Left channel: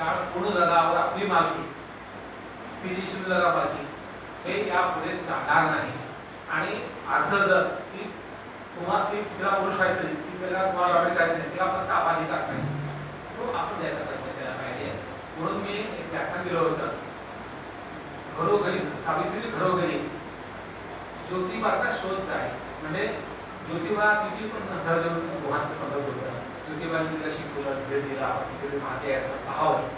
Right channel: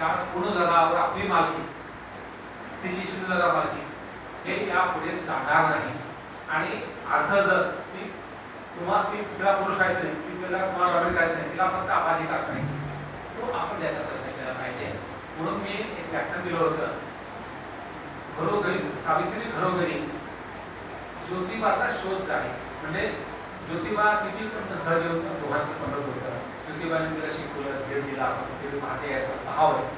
कारण पूर्ण जगावर आपली मालकी, तिची शुल्लक मालकी हे यापुढे जाणार नाही. आणि अर्ध जर ती तिला पुरुष आहे तरी तिला तुम्हाला जॉईन करायचं नाही, तिला फक्त अपाधिकार नाही, तो आपण द्यायचा प्रयत्न केला पाहिजे. म्हणून मी एक व्याख्यान दिलं होतं, घरोघरी सावित्री घरोघरी ज्योतिबाचा शोध काय. म्हणजे ज्योतिबा किती पण सहजीवन दोघांचं संदर्भ होतं. ज्योतिबाने तिला शिकवलं, भेट दिला, ते मागे असं पाहावं.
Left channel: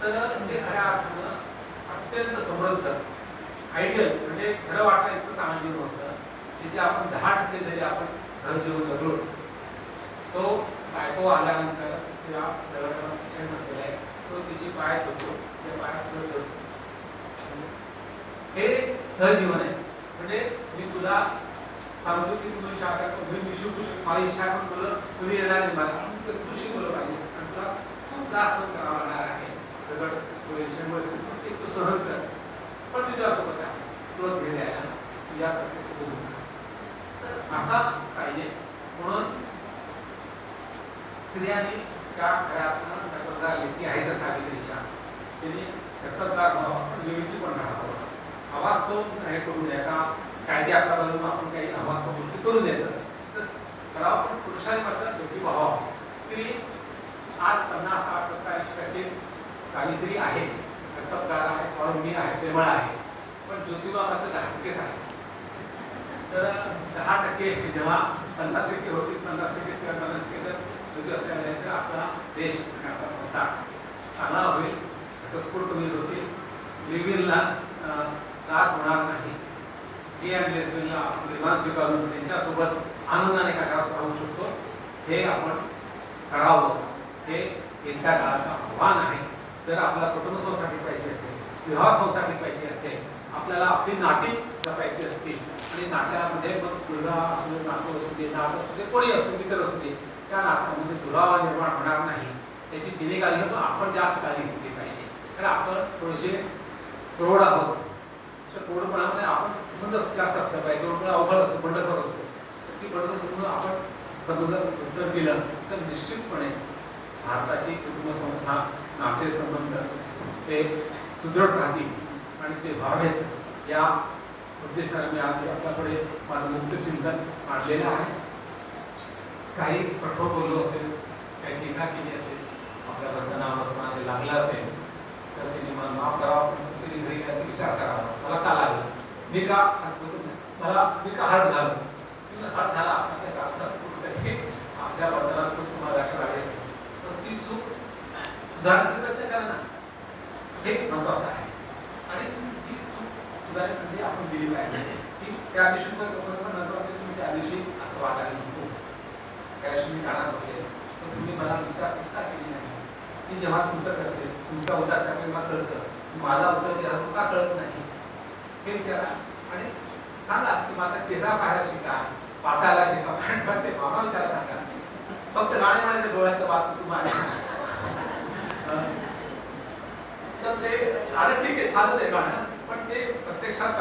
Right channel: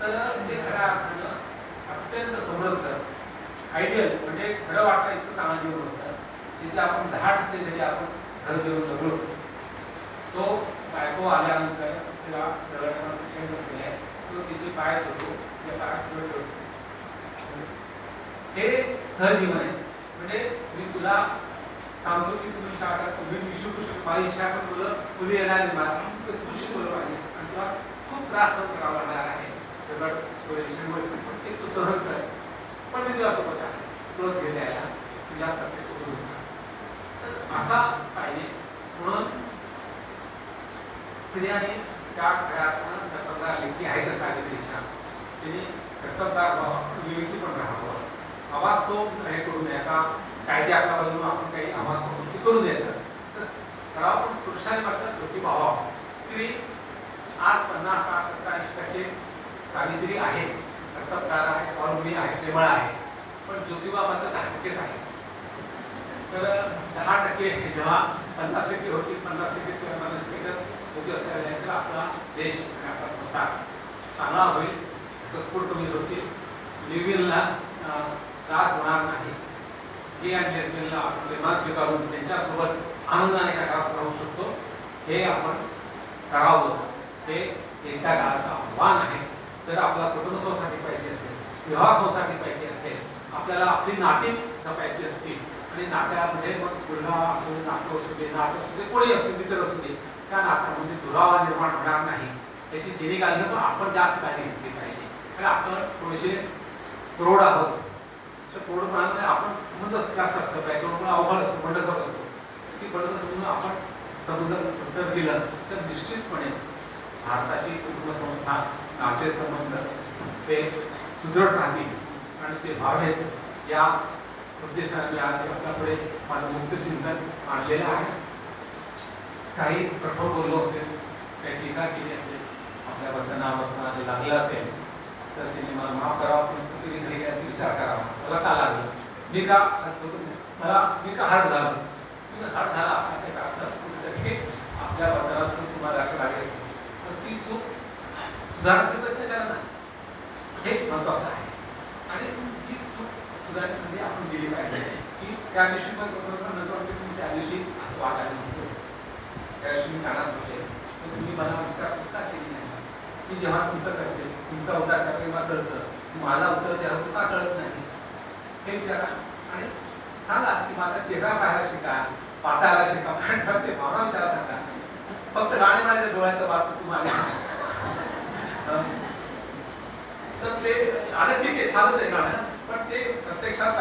तर म्हणजे खऱ्या अर्थानं अत्यंत समृद्ध आयडियल, म्हणजे खरं वाटतं इतकं चांगलं जीवन होतं त्याचे आपण 10% जरी आपण सहजीवन जगलो. तो बायको आल्यानंतर तिला जवळच्या पेशंट बसलेला आहे, तो तिची पाय धुतो, त्या पायात धुतो. हे सहजीवन आहे. म्हणजे मी तुला सांगतो की तुम्ही शाळा तुम्ही शिकू शकतो, माझी इच्छा पण तुला येणार नाही, मला तू शिकवलं पाहिजे आणि तुला खूप त्रास सहन करावा लागणार आहे. तू सहन कर, पण मी तुला सोबत आहे, तुला घेऊन यायला तुझ्या तर असा पाहिजे. म्हणून स्त्रियांनी त्या घरात लेखी आहे तर सावित्रीच्या तिने कर्तव्यदार व्हावं, विवेकी पण राहावं. आवाज तो हे करू नये का कायदे आपल्या बाजूने आपण काही आवाज गोष्टी करू द्यायचं तर करावं. पण पुरुषांनी म्हटलं दोघी भावा स्त्री आज 50-60-70% सावित्री आहे, कर्तव्यदार आहे, स्वावलंबी आहे, प्रेमळ आहे. पण ज्योतिबा मात्र 10%च आहे. तर 10% जेव्हा 50% होतील, 50% योग्य असायला नाही तर आपला देश आणि आपला संसार चांगला होईल, घटस्फोट कमी होतील, लिव्हिंगला त्रास होणार नाही. गे आणि लेस्बियनला प्रेमात स्वीकारून त्यांच्यासोबत आनंदाने राहू शकतो, हे आपण करावं. हे एका काळाचं आव्हान आहे. जर आपला कुटुंब संस्था टिकवायची असेल, विवाह संस्था टिकवायची असेल, आपल्याला आपली नाती जपायची असतील आणि नात्यामध्ये मग मुलगा असू दे, नातू असू दे, नात असू दे, कोणी असू दे, मित्र असू दे, त्या नात्यामध्ये दुरावा निर्माण होणार नाही याची तिने काळजी घेतो. आपण जास्त काळजी घेतली पाहिजे. आणि आपण थोडेसे प्रौढ आहोत, तर प्रौढपणामध्ये आपण संबंध जास्त असलं पाहिजे. त्यामुळे अवघड असतो, बंडखोर असतो, ती बंड समजून आपण संबंध उत्तर दिलं तर निश्चितपणे भारताची कुटुंब संस्था, नाते संबंध ते सुदृढ राहतील आणि ते व्हावेत या उद्देशाने मी आज आपल्याकडे माझं मुक्त चिंतन मांडलेलं आहे. काही कठोर बोललो असेल, काही टीका केली असेल, आपल्याबद्दल नावामध्ये लागलं असेल तर तिने मला माफ करावं. पण तिने घरी काय विचार करावा, मला का लागलं, मी का हर्ट झालो, हर्ट झाला असा काही अर्थ कुठेतरी आपल्याबद्दल तुम्हाला लक्ष लागेल. पण ती चूक सुधारण्याचा प्रयत्न करा ना, हे महत्वाचं आहे. आणि ती चूक सुधारण्याची संधी आपण दिली पाहिजे. की त्या दिवशी पण नंतर तुम्ही त्या दिवशी असं वागायला नको, त्या दिवशी मी जाणार होते तर तुम्ही मला विचारपूस का केली नाही. मी जेव्हा तुमचं करते, तुमचा उद्देश आपल्याला कळतं, माझा उत्तर चेहरा तुला कळत नाही, हे विचारा आणि सांगा की माझा चेहरा पाहायला शिका, वाचायला शिका. ते मला विचारा सांगा, फक्त गाणे माझ्या डोळ्याचं वाच तुम्हाला तर ते आता ठीक आहे, छानच आहे गाणं, पण ते प्रत्यक्षात